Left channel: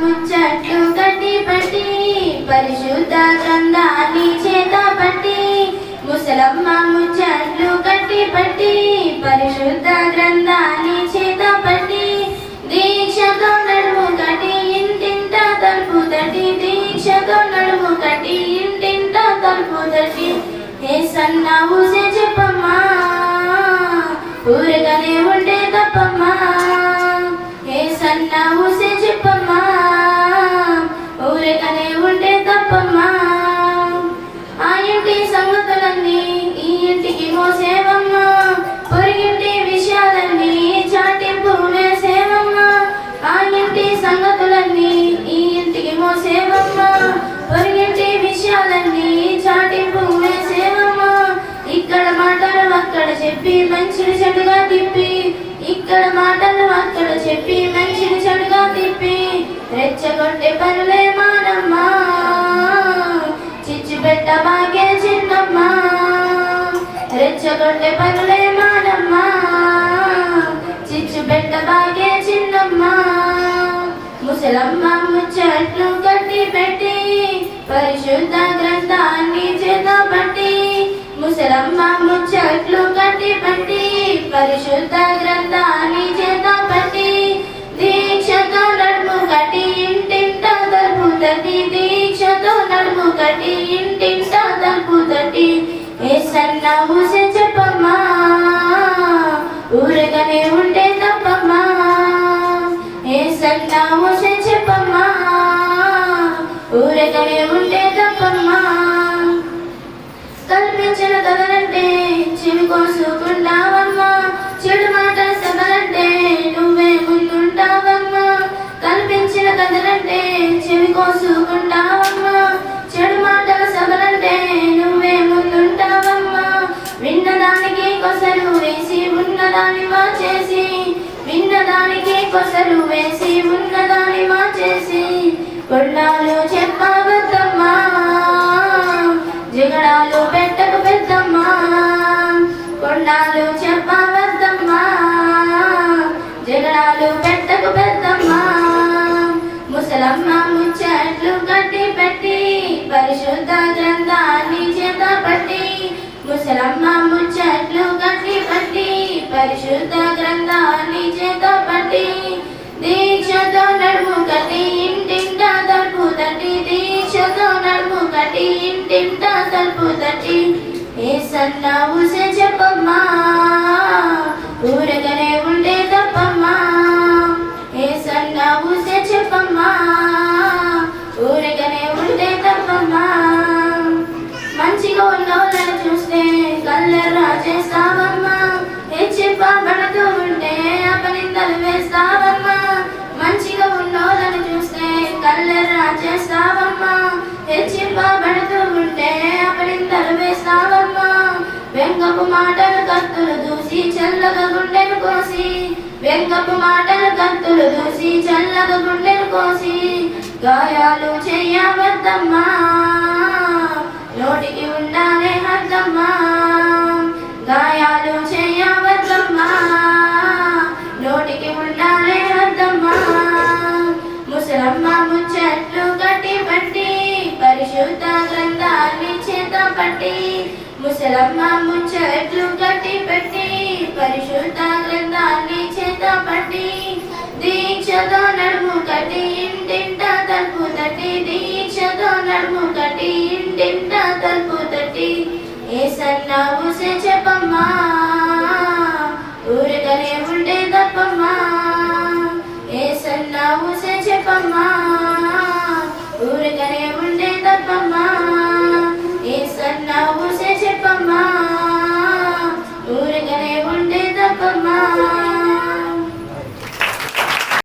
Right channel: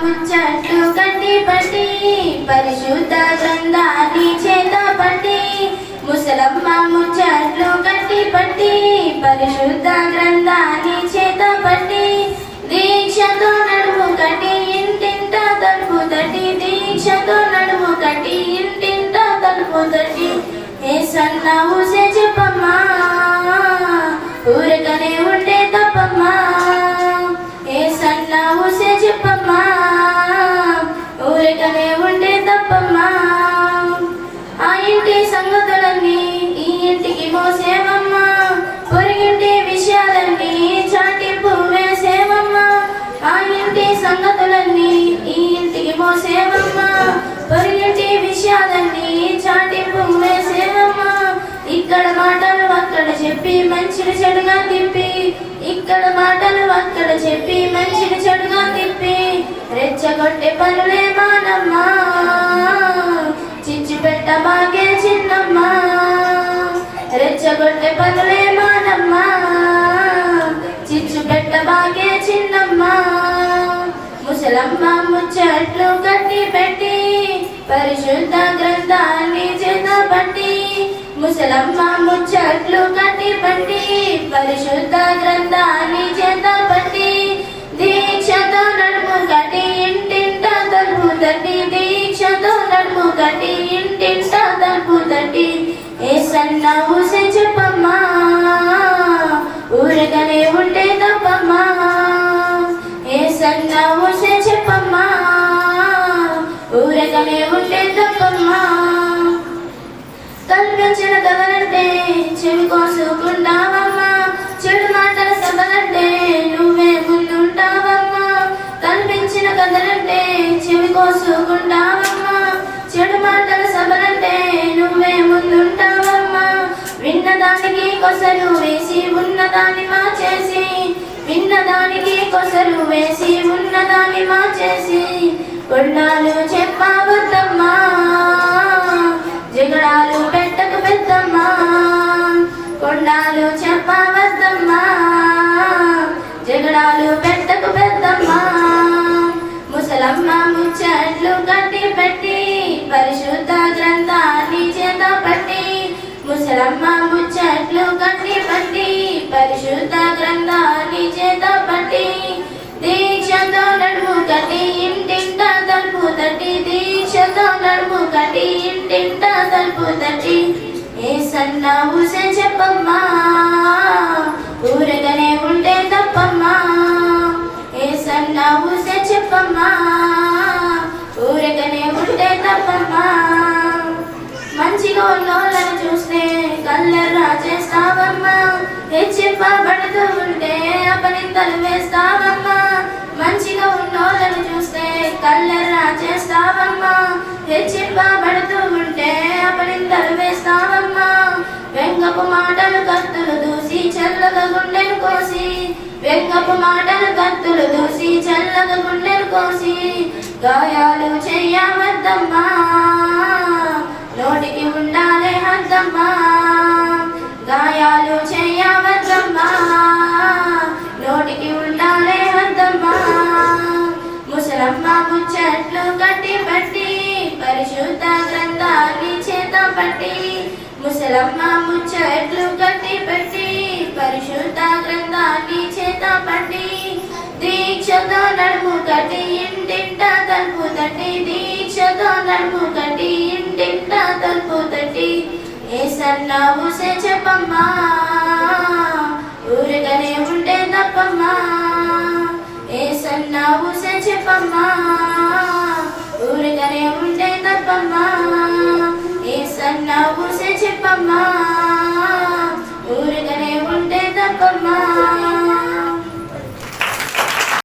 ముచ్చట్లు కట్టి పట్టి పరిశుద్ధ గ్రంథాన్ని చేత పట్టి ముసలమ్మ ముచ్చట్లు కట్టి పట్టి పరిశుద్ధ గ్రంథాన్ని చేత పట్టి దీక్షతో నడుము కట్టి ఇంటింట తలుపు తట్టి దీక్షతో నడుము కట్టి ఇంటింట తలుపు తట్టి ఏసన్న ఊసే చెప్పమ్మా ఊరకనే ఉంటే తప్పమ్మా ఏసన్న ఊసే చెప్పమ్మా ఊరకనే ఉంటే తప్పమ్మా ఆ ఇంటి సంగతులన్నీ ఈ ఇంటికి మోసేవమ్మా పొరిగింటి విషయాలన్నీ చాటింపు వేసేవమ్మా ఆ ఇంటి సంగతులన్నీ ఈ ఇంటికి మోసేవమ్మా పొరిగింటి విషయాలన్నీ చాటింపు వేసేవమ్మా ఇక్కడ మాటలు అక్కడ చెప్పి మంచిని చెడుగా తిప్పి ఇక్కడ మాటలు అక్కడ చెప్పి మంచిని చెడుగా తిప్పి రెచ్చగొట్టే పనులే మానమ్మా చిచ్చు పెట్ట బాగే చిన్నమ్మా రెచ్చగొట్టే పనులే మానమ్మా చిచ్చు పెట్ట బాగే చిన్నమ్మా ముసలమ్మ ముచ్చట్లు కట్టి పెట్టి పరిశుద్ధ గ్రంథాన్ని చేత పట్టి ముసలమ్మ ముచ్చట్లు కట్టి పట్టి పరిశుద్ధ గ్రంథాన్ని చేత పట్టి దీక్షతో నడుము కట్టి ఇంటింట తలుపు తట్టి దీక్షతో నడుము కట్టి ఇంటింట తలుపు తట్టి ఏసన్న ఊసే చెప్పమ్మా ఊరకనే ఉంటే తప్పమ్మా ఏసన్న ఊసే చెప్పమ్మా ఊరకనే ఉంటే తప్పమ్మా కల్పించిన కథలంటే చెవి కోసుకుంటావమ్మా చెడు మాటల సభలంటే నువ్వే ముందుంటావమ్మా కల్పించిన కథలంటే చెవి కోసుకుంటావమ్మా చెడు మాటల సభలంటే నువ్వే ముందుంటావమ్మా విన్నదానికి కొసరు వేసి ఉన్నదాన్ని మార్చేసి విన్నదానికి కొసరు వేసి ఉన్నదాన్ని మార్చేసి కొన్నాళ్ళు చెప్పవద్దమ్మా జగడాలు పెట్టకు పెద్దమ్మా కొండాలు చెప్పవద్దమ్మా జగడాలు పెట్టకు పెద్దమ్మా ముసలమ్మ ముచ్చట్లు కట్టి పెట్టి పరిశుద్ధ గ్రంథాన్ని చేత పట్టి ముసలమ్మ ముచ్చట్లు కట్టి పట్టి పరిశుద్ధ గ్రంథాన్ని చేత పట్టి దీక్షతో నడుము కట్టి ఇంటింట తలుపు తట్టి దీక్షతో నడుము కట్టి ఇంటింట తలుపు తట్టి ఏసన్న ఊసే చెప్పమ్మా ఊరకనే ఉంటే తప్పమ్మా ఏసన్న ఊసే చెప్పమ్మా ఊరకనే ఉంటే తప్పమ్మా మంచిగా ఉన్నోళ్ళని చూస్తే కళ్ళెర్రా చేస్తావమ్మా హెచ్చిప్పబడుతూ ఉంటే అపనిందలు వేస్తావమ్మా మంచిగా ఉన్నోళ్ళని చూస్తే కళ్ళెర్రా చేస్తావమ్మా హెచ్చిప్పబడుతూ ఉంటే అపనిందలు వేస్తావమ్మా వెంగపు మాటలు కత్తులు దూసి చల్లగా గుండెను కోసి వెంగపు మాటలు కత్తులు దూసి చల్లగా గుండెను కోసి గాయాలు చెయ్యవద్దమ్మా నోటికి ఉండాలే హద్దమ్మా గాయాలు చెయ్యవద్దమ్మా నోటికి ఉండాలే హద్దమ్మా ముసలమ్మ ముచ్చట్లు కట్టి పట్టి పరిశుద్ధ గ్రంథాన్ని చేత పట్టి ముసలమ్మ ముచ్చట్లు కట్టి పెట్టి పరిశుద్ధ గ్రంథాన్ని చేత పట్టి దీక్షతో నడుము కట్టి ఇంటింట తలుపు తట్టి దీక్షతో నడుము కట్టి ఇంటింట తలుపు తట్టి ఏసన్న ఊసే చెప్పమ్మా ఊరకనే ఉంటే తప్పమ్మా ఏసన్న